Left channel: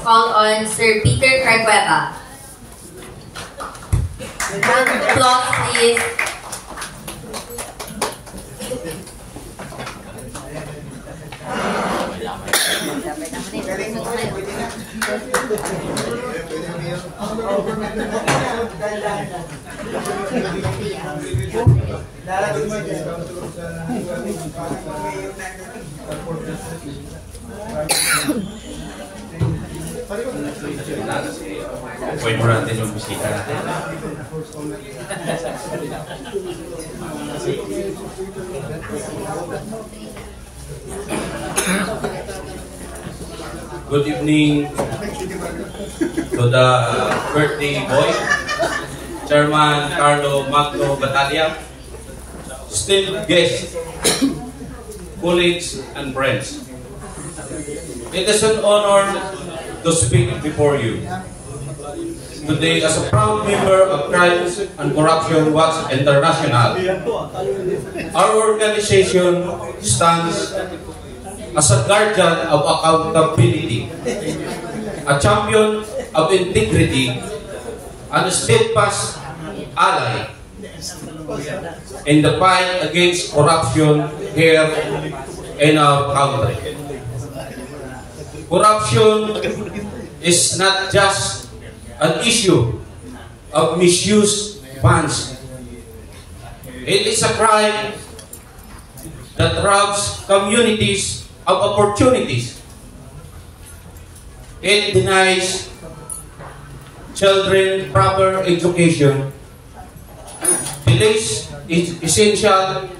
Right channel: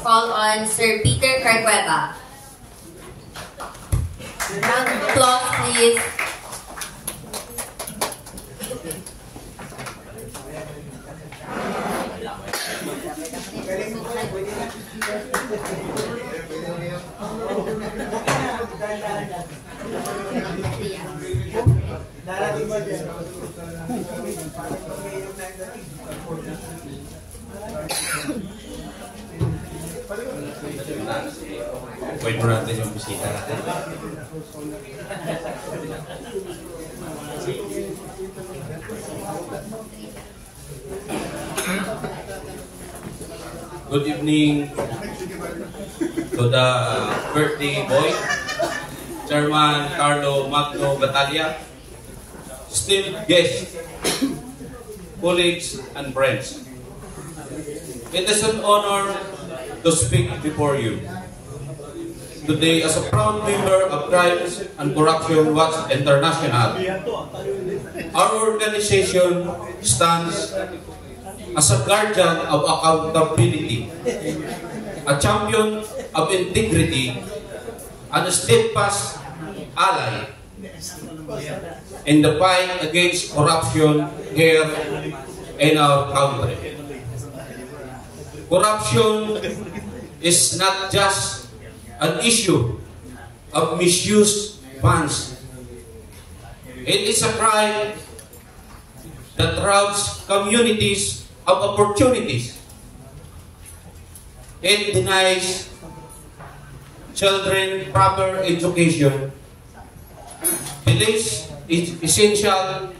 call on Sir Peter Cargueva. Round of applause, please. Pwede mo natin yung bisita natin. Good evening to the birthday boy, Chairman Carlo Magno Batalla, esteemed guests, colleagues, and friends. It is an honor to speak before you today as a proud member of Crimes and Corruption Watch International. Our organization stands as a guardian of accountability, a champion of integrity, and a steadfast ally in the fight against corruption here in our country. Corruption is not just an issue of misuse funds. It is a crime that robs communities of opportunities. It denies children proper education, delays essential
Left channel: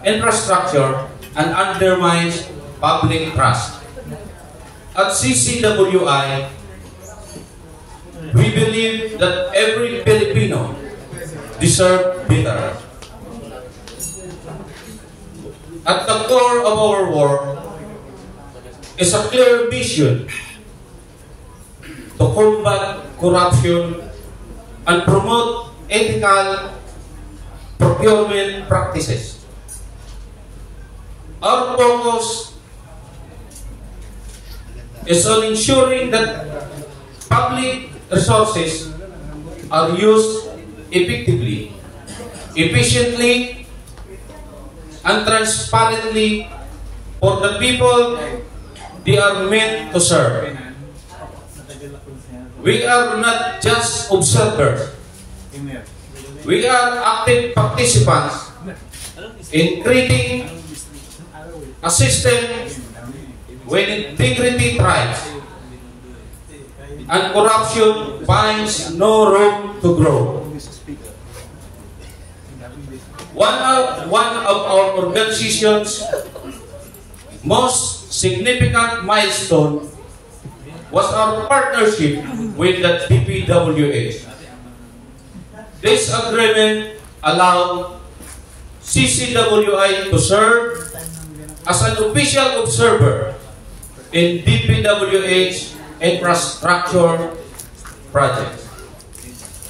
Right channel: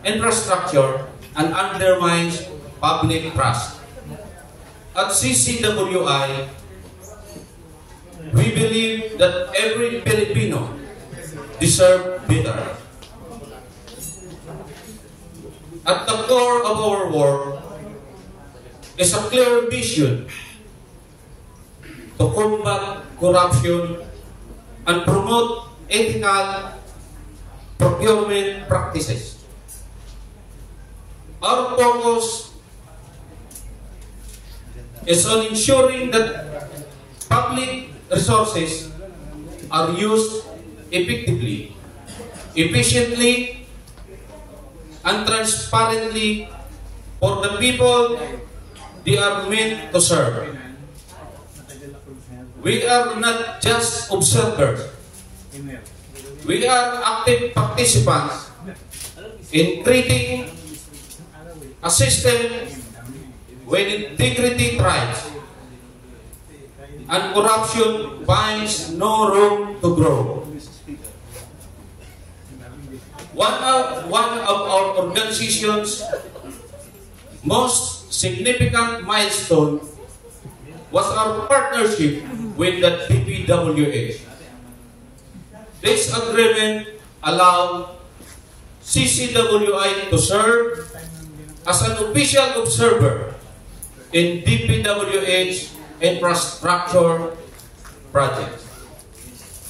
infrastructure, and undermines public trust. At CCWI, we believe that every Filipino deserves better. At the core of our work is a clear vision to combat corruption and promote ethical procurement practices. Our focus is on ensuring that public resources are used effectively, efficiently, and transparently for the people they are meant to serve. We are not just observers. We are active participants in creating a system when integrity thrives and corruption finds no room to grow. One of our organization's most significant milestone was our partnership with the DPWH. This agreement allowed CCWI to serve as an official observer in DPWH infrastructure projects.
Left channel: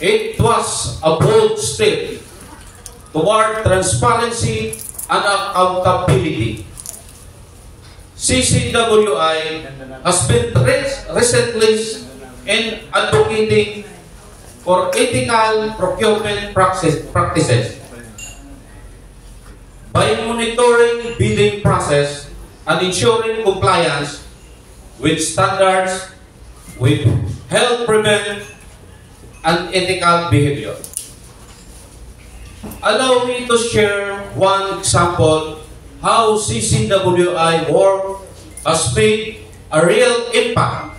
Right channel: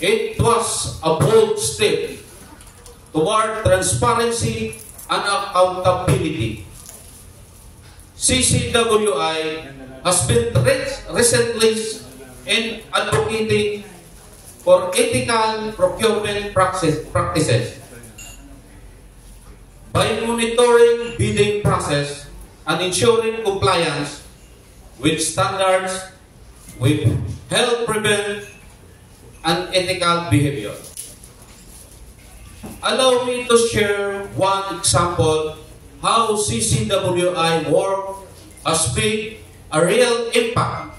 It was a bold step toward transparency and accountability. CCWI has been recently in advocating for ethical procurement practices by monitoring bidding process and ensuring compliance with standards, with health prevent and ethical behavior. Allow me to share one example how CCWI work has made a real impact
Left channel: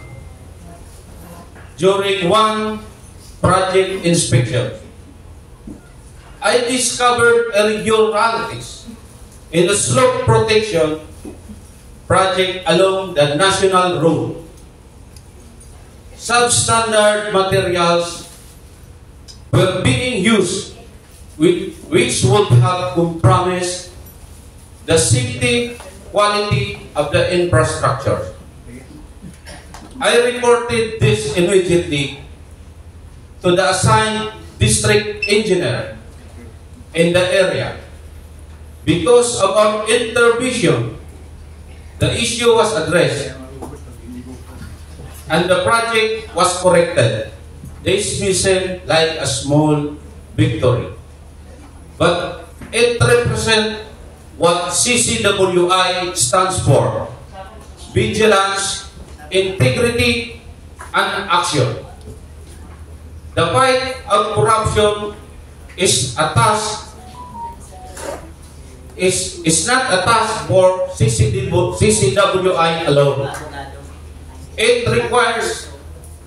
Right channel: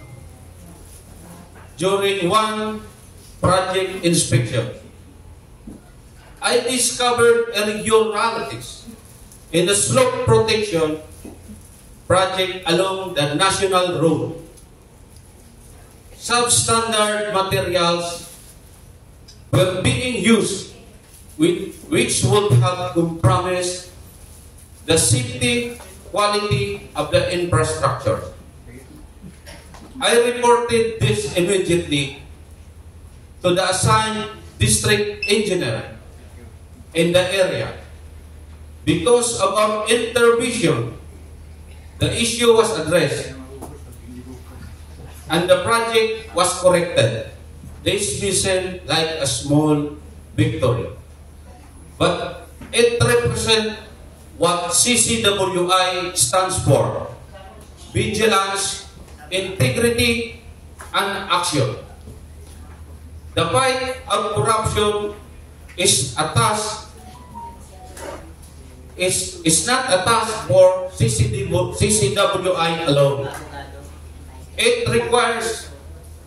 during one project inspection. I discovered irregularities in the slope protection project along the national road. Substandard materials were being used which would have compromised the safety quality of the infrastructure. I reported this immediately to the assigned district engineer in the area. Because of our intervention, the issue was addressed. and the project was corrected. This may seem like a small victory, but it represents what CCWI stands for: vigilance, integrity, and action. The fight of corruption is not a task for CCWI alone. It requires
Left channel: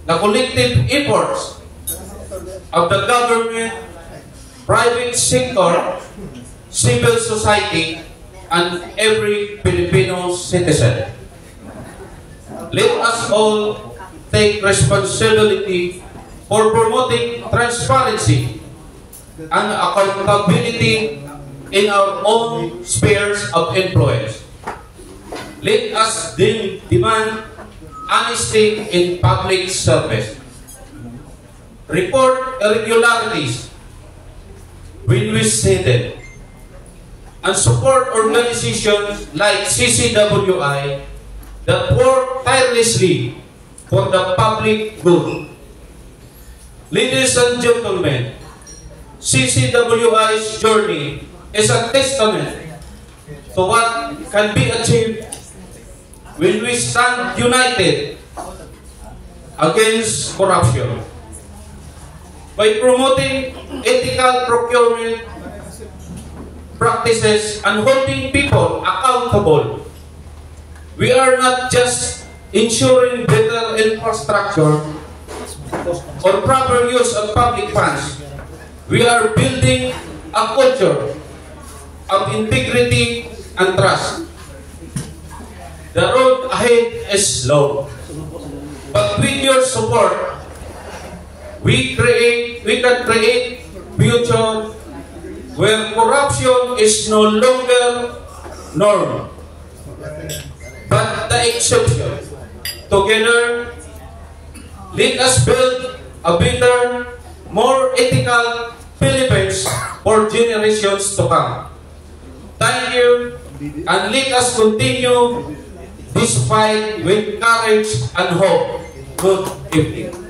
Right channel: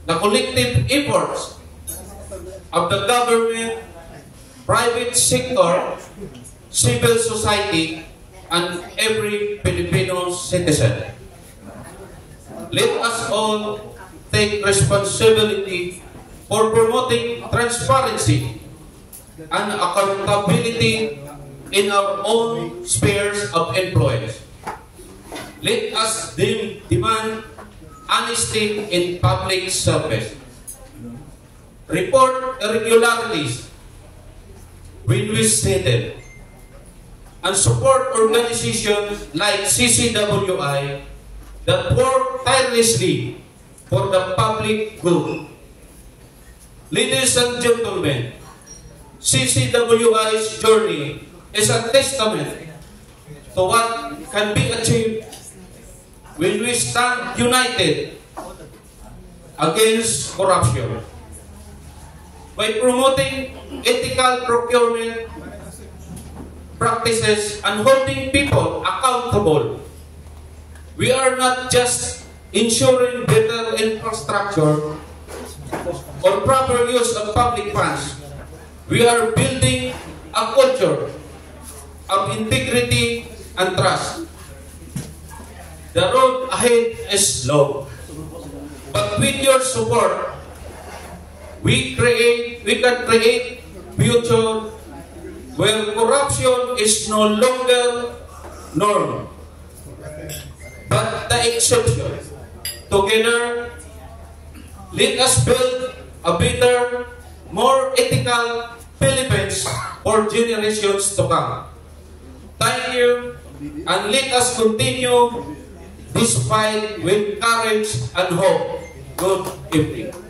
the collective efforts of the government, private sector, civil society, and every Filipino citizen. Let us all take responsibility for promoting transparency and accountability in our own spheres of influence. Let us demand honesty in public service. Report irregularities when we see them, and support organizations like CCWI that work tirelessly for the public good. Ladies and gentlemen, CCWI's journey is a testament to what can be achieved when we stand united against corruption. By promoting ethical procurement practices and holding people accountable, we are not just ensuring better infrastructure or proper use of public funds. We are building a culture of integrity and trust. The road ahead is long, but with your support, we can create future where corruption is no longer norm, but the exception. Together, let us build a better, more ethical Philippines for generations to come. Thank you, and let us continue this fight with courage and hope. Good evening.